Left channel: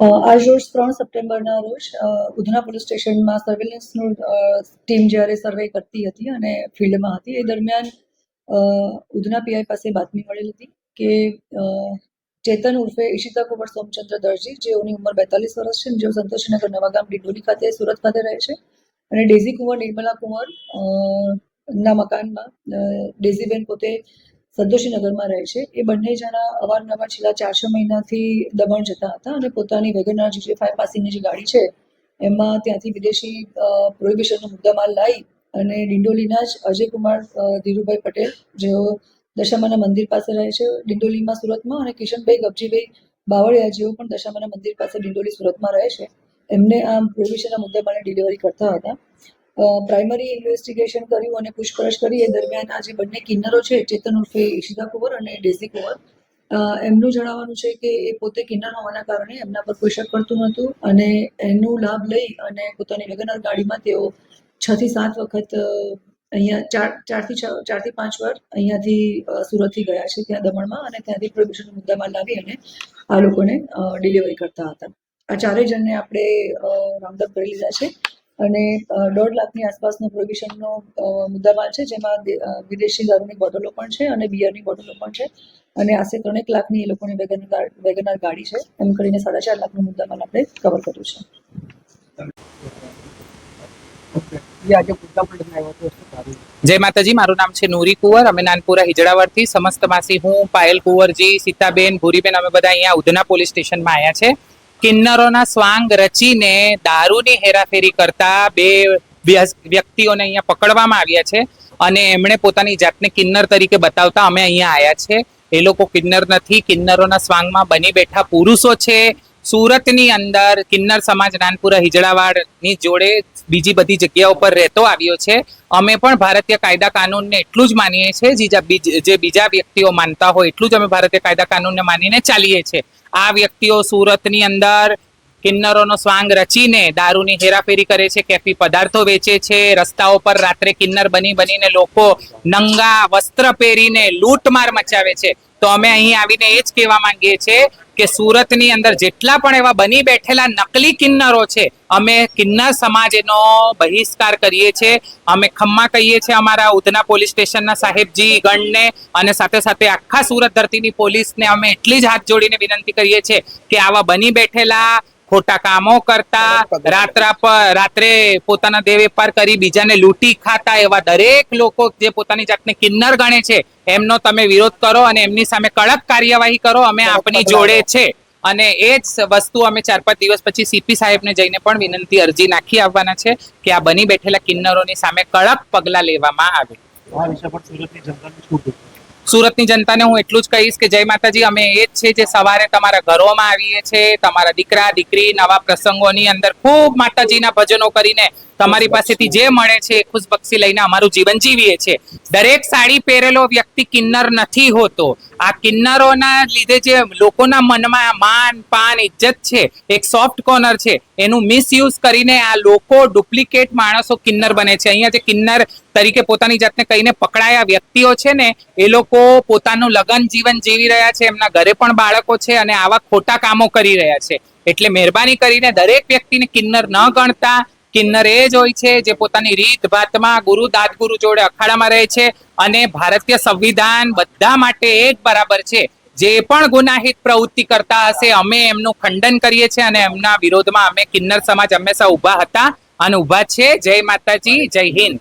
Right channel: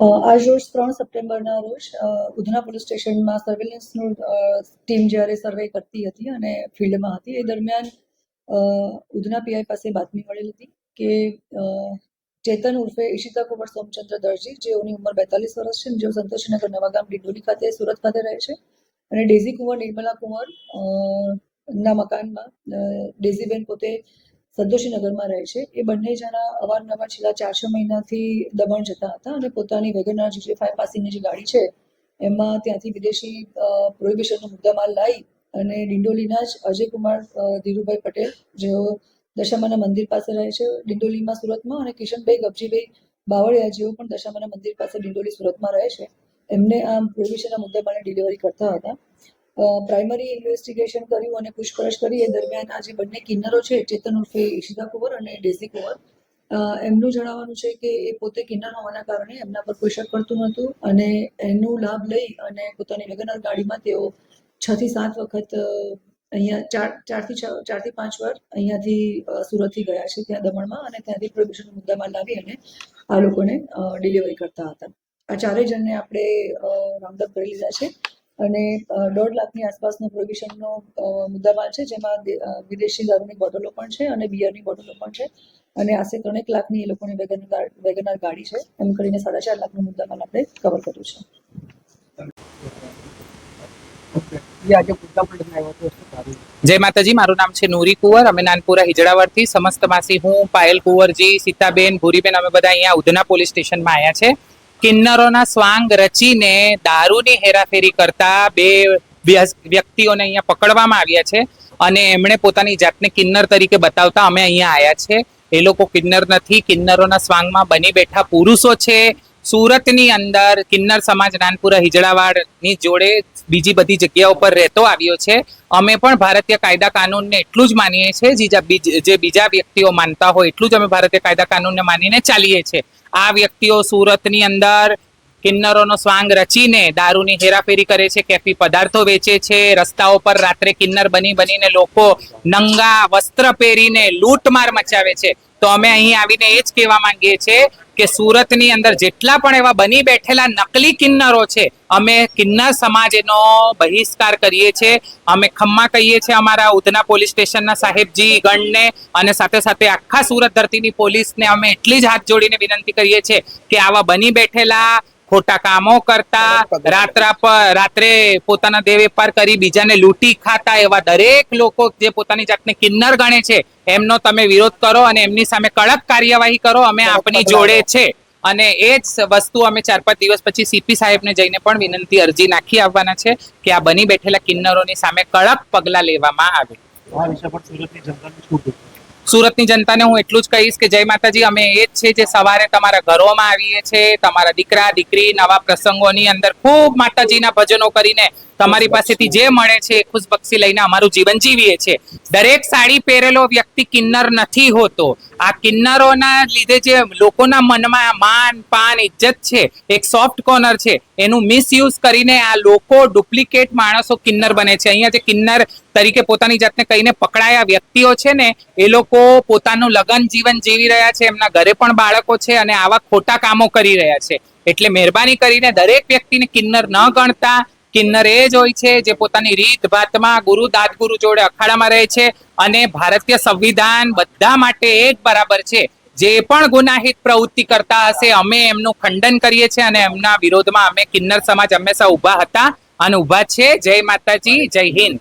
આજ રોજ ત્રણ સપ્ટેમ્બરના રોજ ઉધના પોલીસ સ્ટેશનમાં સર્વેલન્સનું ટીમ જ્યારે સર્વે કરતી હતી અને ફિલ્ડમાં હતી, એ દરમિયાન ઉધના પીઆઈ પાસે બાતમી મળેલી હતી કે ચેતન ઉર્ફે ઈશિતા કુંવર સોમચંદ્ર દરજી જેઓની ઉંમર બેતાલીસ વર્ષ છે જેઓ સંતોષનગર નવાગામ ડિંડોલી ખાતે, સુરત ખાતે રહે છે. અને ડેઝી કુંવર નિર્મલા કુંવર ના મકાનમાં ડેઝીબેન પોતે સંતોષીનગરમાં રહે છે. એ બંને જણા અવારનવાર છેલ્લા ચારસો મહિનાથી દમણ જતા હતા અને પોતાની વેગનાર જે ફાઈવ પાસિંગની જે ગાડી છે, એમાં ત્યાંથી વિદેશી પ્રોહિબિશનનો મુદ્દામાલ લાવી અને ડિંડોલીના જ અજયકુમાર ધીરુભાઈ પટેલ, જેઓ દશામાના મંદિર પાસે રહે છે, ડિંડોલીમાં સુરતમાં અને કિશનભાઈ ગબજીભાઈ બાવળિયા જેઓ પણ દશામાના મંદિર પાસે ડિંડોલી સુરતમાં રહે છે. એમને આ પ્રોહિબિશનના મુદ્દામાલની ડિલિવરી કરતા હતા. પ્રાઇમરી ઇન્વેસ્ટિગેશન કર્યું અને પૂછપરછ કરી. એ દરમિયાન આ જે બંને કિન્નરો છે, ચેતન ઉર્ફે ઈશિતા કુંવર અને ડેઝી કુંવર. એમનું જણાવવાનું છે કે એ પોતે કિન્નર હોવાના કારણે એમના પર કોઈ શક પડતું નહોતું અને એનો લાભ લઈ અને પોતાની લગ્નર ગાડીમાં તેઓ છ થી સાત વખત અહીંયા ચાર ચારથી છ ચારથી પાંચ વાર અહીંયાથી સુરતથી ગયા છે ત્યાં દમણમાં અને ત્યાંથી પ્રદૂષણ મુદ્દામાં લાવી અને આ લોકોને ડિલિવરી કરતા હતા. આ ચારેય જણને આપણે રાઉન્ડઅપ કરી લીધા છે. અને દોઢ લાખની આસપાસનો પ્રોવિઝનનો મુદ્દામાં મુદ્દામાલ છે જેમાં વિદેશી દારૂની બોટલો પણ છે અને બિયરની બોટલો પણ છે. અને આશરે ત્રણેક લાખની એ લોકોની વેગન વેગનાર ગાડી છે. એમ કરીને સાડા ચાર લાખનો મુદ્દામાલ આપણે કવર કર્યું છે. જય માતાજી મારું નામ છે નૂરી કુંવર. અમે નાનપુરા હિજડાવરથી સમસ્ત માસી હું પાયલ કુંવરજી સીતાબેન ભૂરીબેન અમે બધા અહીંયા ઉધના પોલીસ સ્ટેશનમાં આવ્યા છે. કિન્નરોના સ્વાંગ રચીને દારૂની હેરાફેરી કરતા બે વ્યક્તિઓને અહીંયા પકડવામાં આવ્યા છે અને એમણે પોતાની જાતને કિન્નર તરીકે બતાવતા અમે અહીંયા આવ્યા છે. એ લોકો કિન્નર નથી, કિન્નરોના સ્વાંગમાં બની બેઠા પુરુષો છે. સુરતની અંદર કિન્નર સમાજ નાનપુરા હિજડાવાડની જોડે બીજી બધી જગ્યાઓ પર રહેતો આવ્યો છે. અમે પણ ભારતીય કાયદા કાનૂનને એટલું જ માનીએ છીએ જે બીજા વ્યક્તિઓ માનતા હોય એટલું જ અમે ભારતીય કાયદા કાનૂનને માનીને ચાલીએ છીએ. આ વ્યક્તિઓ સુરતની અંદર કિન્નરોનો સ્વાંગ રચીને દારૂની હેરાફેરી કરે છે, કેફી પદાર્થો વેચે છે, રસ્તાઓ પર રાત્રે કિન્નર બની બનીને લોકો નંગા વસ્ત્ર પહેરીને લૂંટમાર મચાવે છે. તો અમે અહીં આવીને એ જ કહેવા માંગીએ છીએ કે સુરતની અંદર જેટલા પણ એવા બની બેઠેલા નકલી કિન્નરો છે, અમે કિન્નર સમાજનો બહિષ્કાર કરીએ છીએ. અમે ખમ્મા કહીએ છીએ અમારા ઉધના પોલીસ સ્ટેશનના સાહેબજી ગણને અને સાથે સાથે આખા સુરત ધરતીની પોલીસને અમે એટલી જ હાથ જોડીને વિનંતી કરીએ છીએ કે આવા બની બેઠેલા ખોટા કામો કરતા રાત્રા પર રાત્રે પોતાના દેહ વેપાર કરી બીજાને લૂંટી ખાતા એવા દરેક લોકો જે પોતાની જાતને કિન્નર ગણે છે એમનો તમે વિરોધ કરો અને એમની સામે કડક કાર્યવાહી કરો અમે આપની જોડે છે. અને એ જ વસ્તુ અમે ચાર પાંચ દિવસ પછી સીપી સાહેબને જઈને પણ વિનંતી અરજી નાખી આવવાના છે કે આ બની બેઠેલા કિન્નરોની સામે કડક પગલાં લેવામાં આવે. આ વિશે પણ સુરતની જનતાને સુરતની જનતાને હું એટલું જ કહીશ કે જય માતાજી, અમે એ જ છે જે સવારે તમારા ઘરોમાં આવીએ છીએ, તમારા દીકરા, દીકરી નવા પ્રસંગોની અંદર ખૂબ માતાજીના ભજનો કરીને તમારી પાસેથી જે મળે છે એ ખુશબક્ષી લઈને અમારું જીવન જીવીએ છીએ. દરેક સાડી પહેરેલો વ્યક્તિ કિન્નર નથી હોતો. આ કિન્નરોના લીધે જે લોકોના મનમાં માન પાન ઇજ્જત છે એક સોફ્ટ કોર્નર છે એનું મિસયુઝ કરીને આ લોકો ડુપ્લિકેટ માણસો કિન્નર બને છે. અહીંયા જે કિન્નર તરીકે પોતાની જાતને કહીને પકડાયા વ્યક્તિઓ છે ને એ લોકો પોતાનું લગન જીવન જીવી રહ્યા છે. એમના ઘરે પણ બાળકો છે અને આવા ખોટા કામો કરી રહ્યા છે. એટલે મહેરબાની કરીને દરેક વ્યક્તિને કિન્નર ન ગણતા કિન્નર એ જ હોય છે જે પોતાની રીત ભાતમાં ગુરુ દાદગુરુ જોડે અખાડામાં રહે છે અને ભારતીય સંવિધાન બધા માટે એક બરાબર છે. જે પણ ગુનાહિત પ્રવૃત્તિ કરતા હશે, અમે એમનું ખંડન કરીએ છીએ અને એમના વિરોધમાં અમે કિન્નર સમાજ હંમેશા ઊભા હતા અને ઊભા છે. જય માતાજી, જય હિન્દ.